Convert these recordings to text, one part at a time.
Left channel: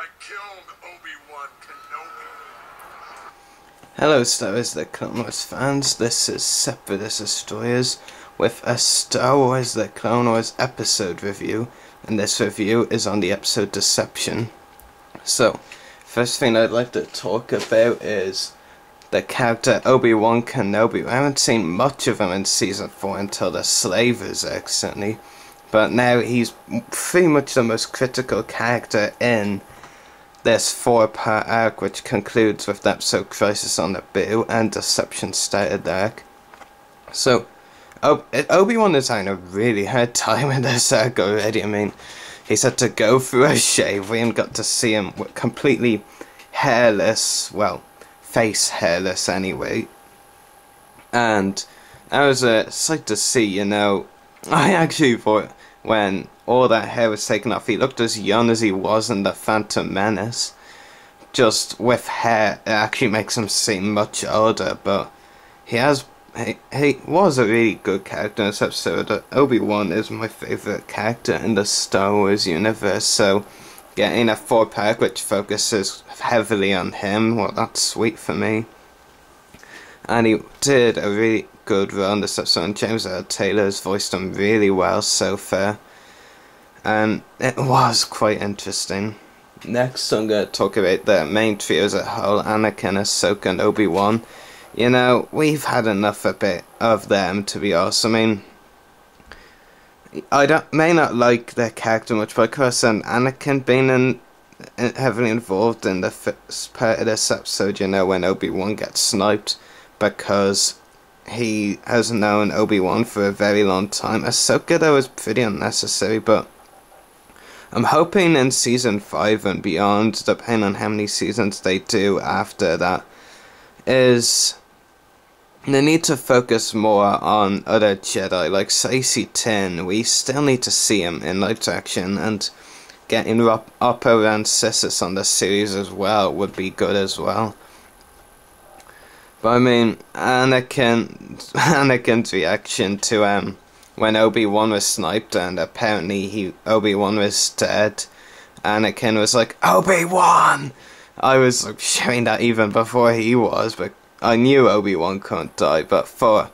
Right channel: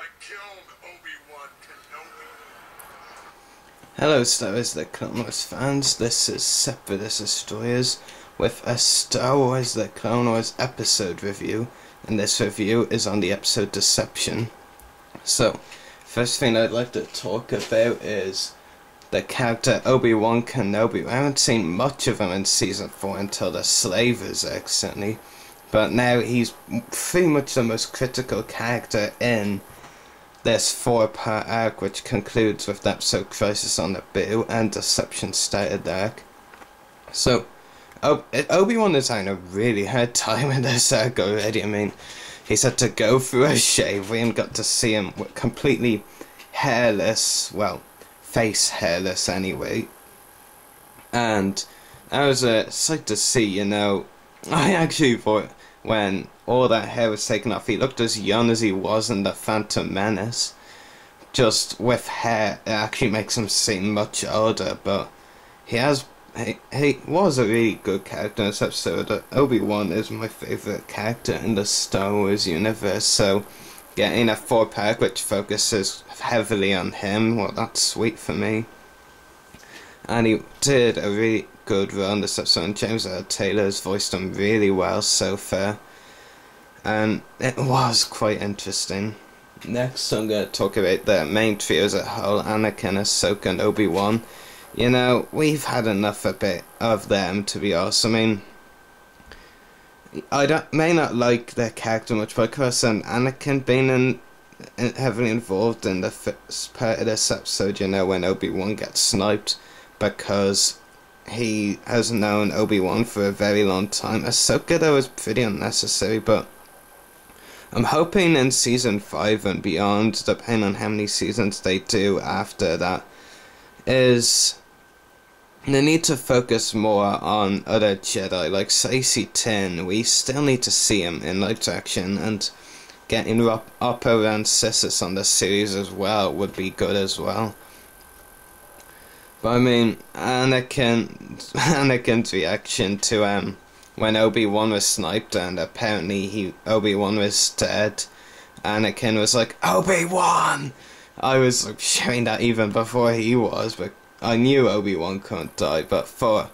I killed Obi-Wan Kenobi. Hello Star Wars The Clone Wars fans, this is Separatist Destroyers with a Star Wars The Clone Wars episode review, and this review is on the episode Deception. So, first thing I'd like to talk about is the character Obi-Wan Kenobi. I haven't seen much of him in Season 4 until the Slavers accidentally, but now he's pretty much the most critical character in this 4-part arc, which concludes with the episode Crisis on Naboo and Deception Started arc. So, Obi-Wan is having a really hard time in this arc already. I mean, he's had to go through a shave. We haven't got to see him completely hairless, well, face hairless anyway. And that was a sight to see, you know. I actually thought when all that hair was taken off, he looked as young as he was in The Phantom Menace. Just with hair, it actually makes him seem much older, but he was a really good character in this episode. Obi-Wan is my favourite character in the Star Wars universe, so getting a 4-pack which focuses heavily on him, well, that's sweet for me. And he did a really good run this episode, and James Earl Taylor's voiced him really well so far. And it was quite interesting. Next I'm going to talk about the main trio as a whole, Anakin, Ahsoka and Obi-Wan. You know, we've had enough a bit of them, to be honest. I mean, may not like their character much, but of course Anakin being heavily involved in the first part of this episode, you know, when Obi-Wan gets sniped, because he has known Obi-Wan for a very long time. Ahsoka, though, is pretty unnecessary, but I'm hoping in Season 5 and beyond, depending on how many seasons they do after that, is they need to focus more on other Jedi, like Saesee Tiin. We still need to see him in live action, and getting Oppo Rancisis on the series as well would be good as well. But I mean, Anakin's reaction to when Obi-Wan was sniped and apparently Obi-Wan was dead, Anakin was like, Obi-Wan! I was like shouting that even before he was, but I knew Obi-Wan couldn't die, but for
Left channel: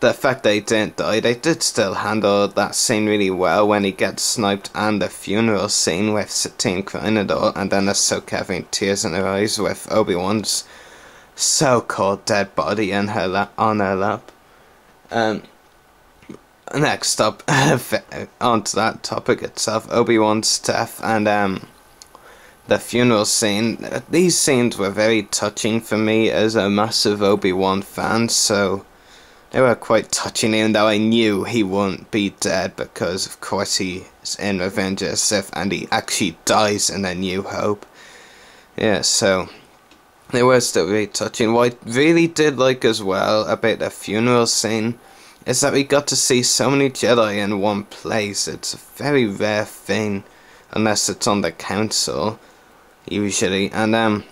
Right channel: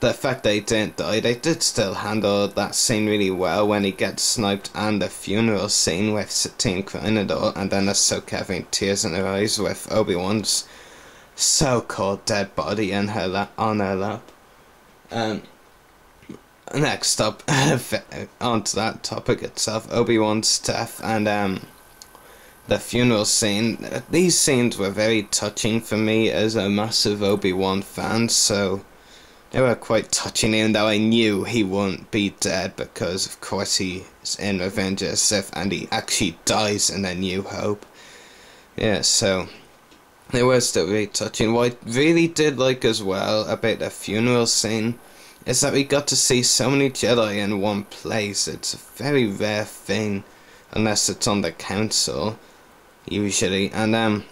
the fact they didn't die, they did still handle that scene really well when he gets sniped, and the funeral scene with Satine crying and all, and then Ahsoka having tears in her eyes with Obi-Wan's so-called dead body in on her lap. Next up, onto that topic itself, Obi-Wan's death and the funeral scene. These scenes were very touching for me as a massive Obi-Wan fan, so they were quite touching, even though I knew he wouldn't be dead, because of course he is in Revenge of the Sith and he actually dies in A New Hope. Yeah, so they were still really touching. What I really did like as well about the funeral scene is that we got to see so many Jedi in one place. It's a very rare thing, unless it's on the Council, usually. And I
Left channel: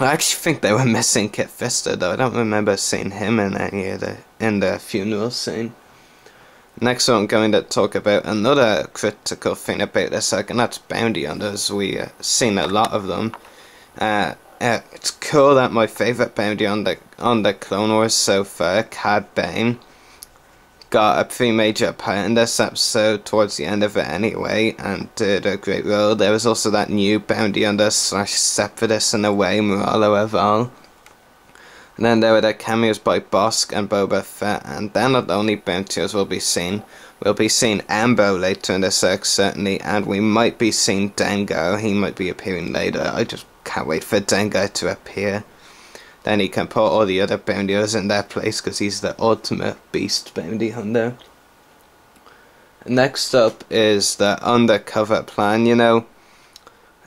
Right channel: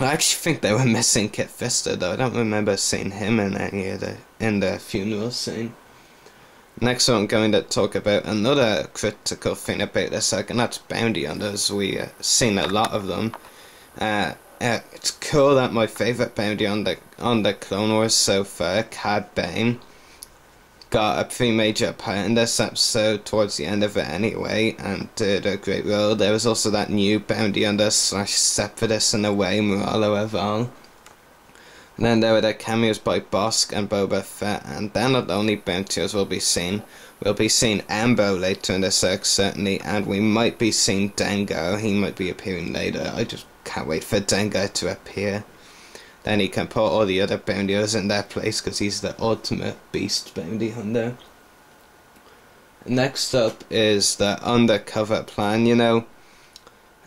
actually think they were missing Kit Fister, though. I don't remember seeing him in any of the funeral scene. Next one, I'm going to talk about another critical thing about this arc, and that's bounty hunters. We've seen a lot of them. It's cool that my favourite bounty on the Clone Wars so far, Cad Bane, got a pretty major part in this episode towards the end of it anyway, and did a great role. There was also that new bounty hunter / separatist in a way, Moralo Eval. And then there were the cameos by Bossk and Boba Fett, and they're not the only bountyers we'll be seeing. We'll be seeing Ambo later in this arc, certainly, and we might be seeing Dengar. He might be appearing later. I just can't wait for Dengar to appear. Then he can put all the other bounty hunters in their place, because he's the ultimate beast bounty hunter. Next up is the undercover plan. You know,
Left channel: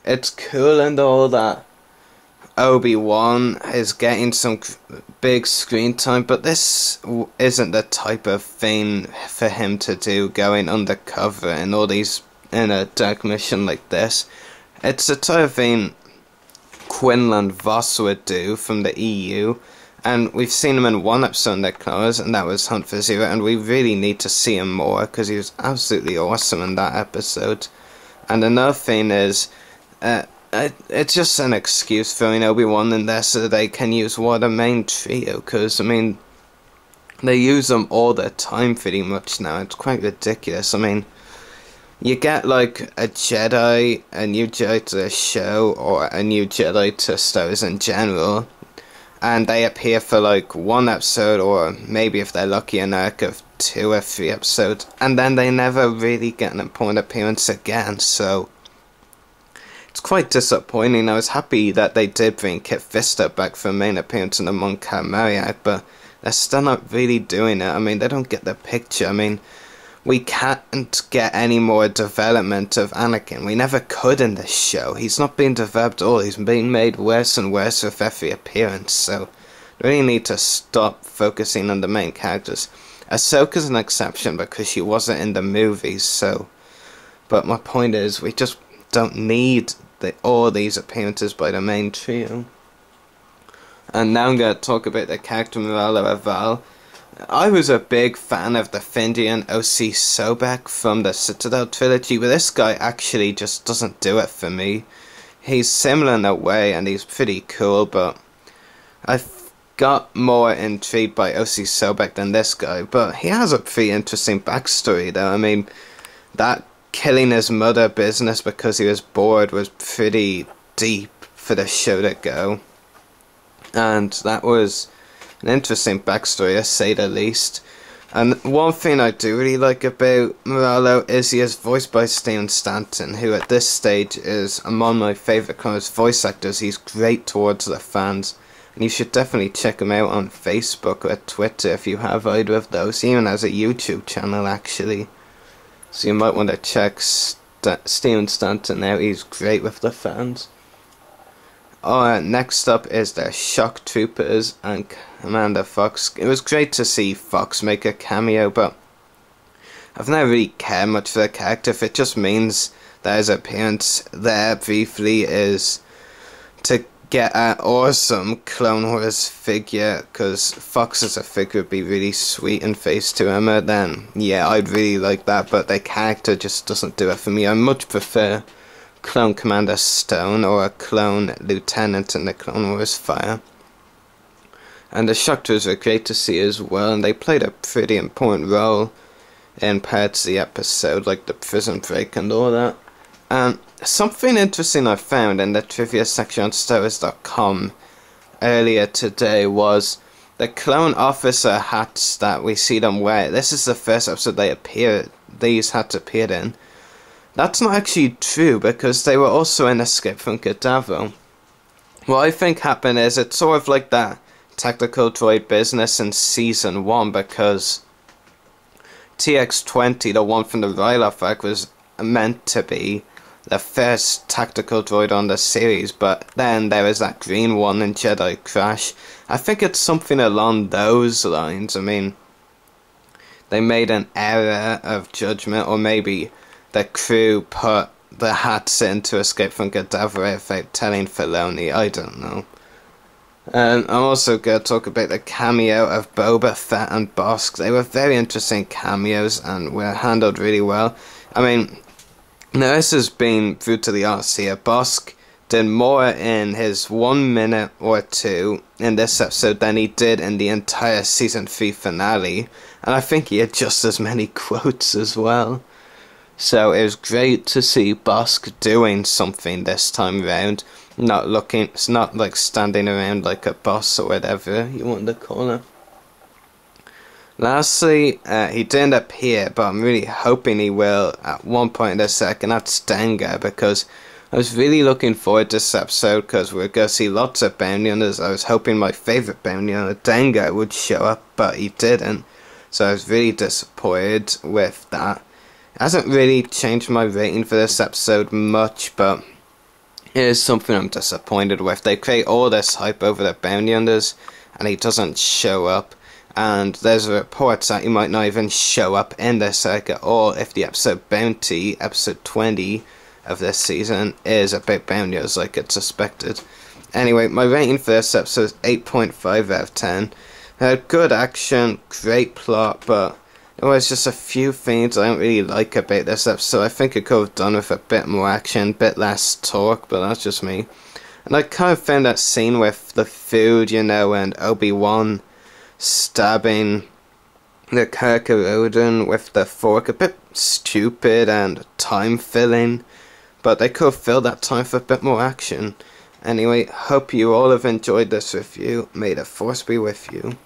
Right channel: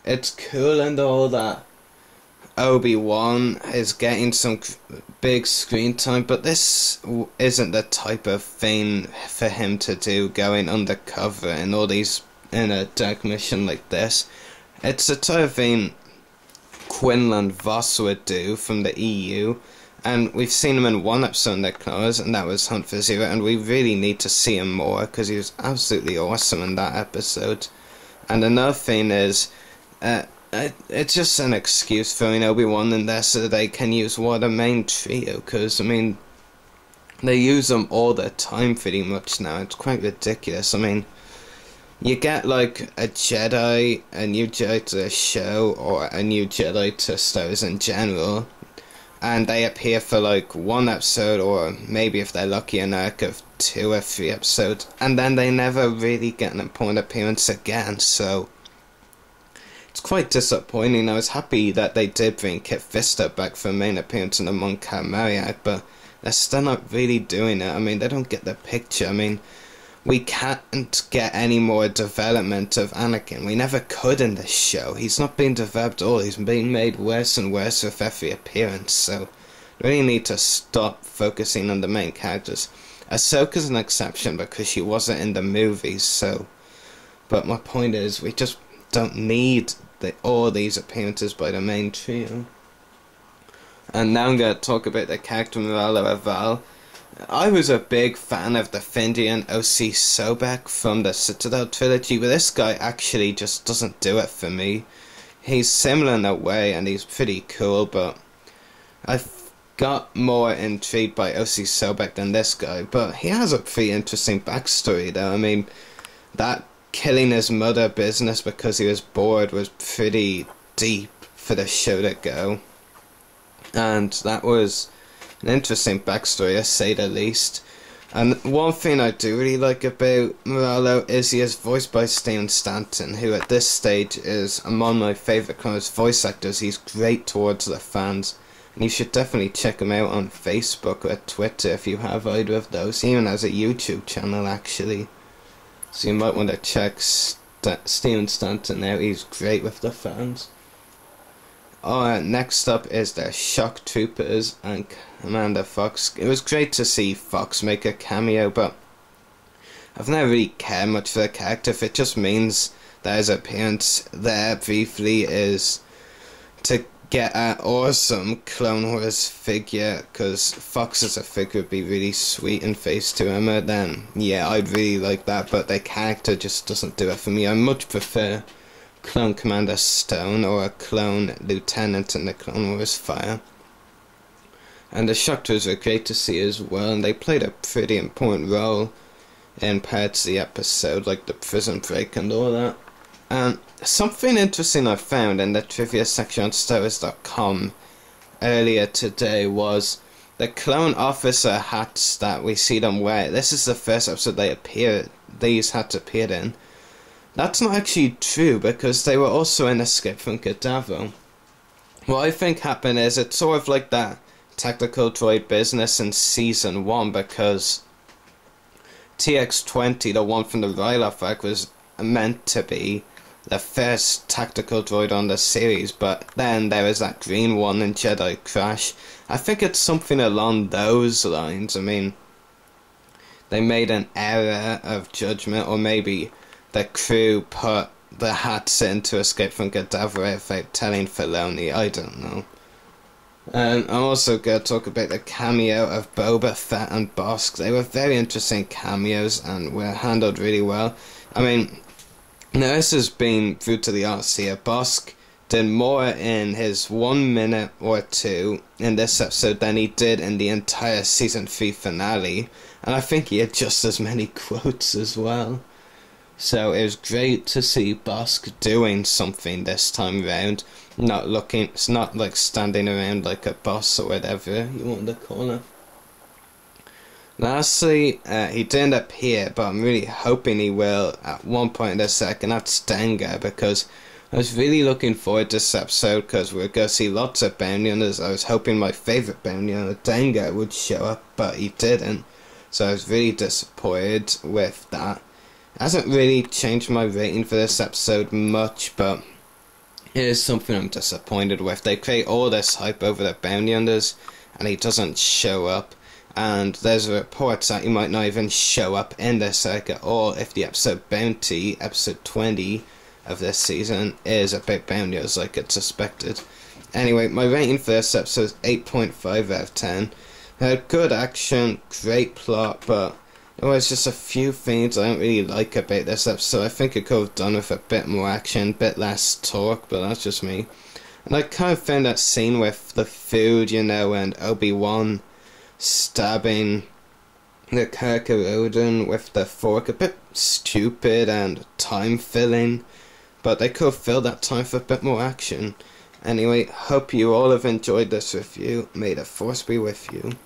it's cool and all that Obi-Wan is getting some big screen time, but this isn't the type of thing for him to do, going undercover in a dark mission like this. It's the type of thing Quinlan Vos would do from the EU, and we've seen him in one episode in the Clone Wars, and that was Hunt for Zero, and we really need to see him more, because he was absolutely awesome in that episode. And another thing is, it's just an excuse for Obi-Wan in there so they can use one of the main trio, because, I mean, they use them all the time pretty much now. It's quite ridiculous. I mean, you get like a new Jedi to the show, or a new Jedi to Star Wars in general, and they appear for like one episode, or maybe if they're lucky an arc of 2 or 3 episodes, and then they never really get an important appearance again, so it's quite disappointing. I was happy that they did bring Kit Fisto back for a main appearance in the Mon Calamari, but they're still not really doing it. I mean, they don't get the picture. I mean, we can't get any more development of Anakin. We never could in this show. He's not being developed at all. He's being made worse and worse with every appearance, so we really need to stop focusing on the main characters. Ahsoka's an exception because she wasn't in the movies, so... But my point is, we just don't need all these appearances by the main trio. And now I'm going to talk about the character Moralo Aval. I was a big fan of the Fendi and O.C. Sobek from the Citadel trilogy, but this guy actually just doesn't do it for me. He's similar in a way, and he's pretty cool, but I've got more intrigued by O.C. Sobek than this guy. But he has a pretty interesting backstory, though. I mean, that killing his mother business because he was bored was pretty deep for the show to go. And that was an interesting backstory, to say the least. And one thing I do really like about Moralo is he is voiced by Steven Stanton, who at this stage is among my favourite kind of voice actors. He's great towards the fans, and you should definitely check him out on Facebook or Twitter if you have either of those. He even has a YouTube channel, actually. So you might want to check Steven Stanton out. He's great with the fans. Next up is the Shock Troopers and Commander Fox. It was great to see Fox make a cameo, but I've never really cared much for the character. If it just means that his appearance there briefly is to get an awesome Clone Wars figure, because Fox as a figure would be really sweet in Phase 2 Emma, then yeah, I'd really like that, but the character just doesn't do it for me. I much prefer Clone Commander Stone or a Clone Lieutenant in the Clone Wars Fire. And the Shock Troopers were great to see as well, and they played a pretty important role in parts of the episode, like the prison break and all that. And something interesting I found in the trivia section on StarWars.com earlier today was the clone officer hats that we see them wear. This is the first episode these hats appeared in. That's not actually true, because they were also in Escape from Cadaver. What I think happened is it's sort of like that tactical droid business in Season 1, because TX-20, the one from the Ryloth arc, was meant to be the first tactical droid on the series, but then there was that green one in Jedi Crash. I think it's something along those lines. I mean, they made an error of judgment, or maybe the crew put the hats in to Escape from Cadaver without telling Filoni. I don't know. I'm also going to talk about the cameo of Boba Fett and Bossk. They were very interesting cameos and were handled really well. I mean, now this has been brutally honest here. Bossk did more in his 1 minute or 2 in this episode than he did in the entire Season 3 finale. And I think he had just as many quotes as well. So it was great to see Bossk doing something this time around. It's not like standing around like a boss or whatever you want to call it. Lastly, he didn't appear, but I'm really hoping he will at one point in the second. That's Dengar, because I was really looking forward to this episode, because we're going to see lots of bounty hunters. I was hoping my favourite bounty hunter, Dengar, would show up, but he didn't. So I was really disappointed with that. It hasn't really changed my rating for this episode much, but it is something I'm disappointed with. They create all this hype over the bounty hunters, and he doesn't show up. And there's reports that he might not even show up in this arc at all if the episode Bounty, episode 20 of this season, is about bounty hunters like it's suspected. Anyway, my rating for this episode is 8.5 out of 10. Good action, great plot, but it was just a few things I don't really like about this episode. I think it could have done with a bit more action, a bit less talk, but that's just me. And I kind of found that scene with the food, you know, and Obi-Wan stabbing the Kar-Korodon with the fork a bit stupid and time-filling, but they could have filled that time for a bit more action. Anyway, hope you all have enjoyed this review. May the Force be with you.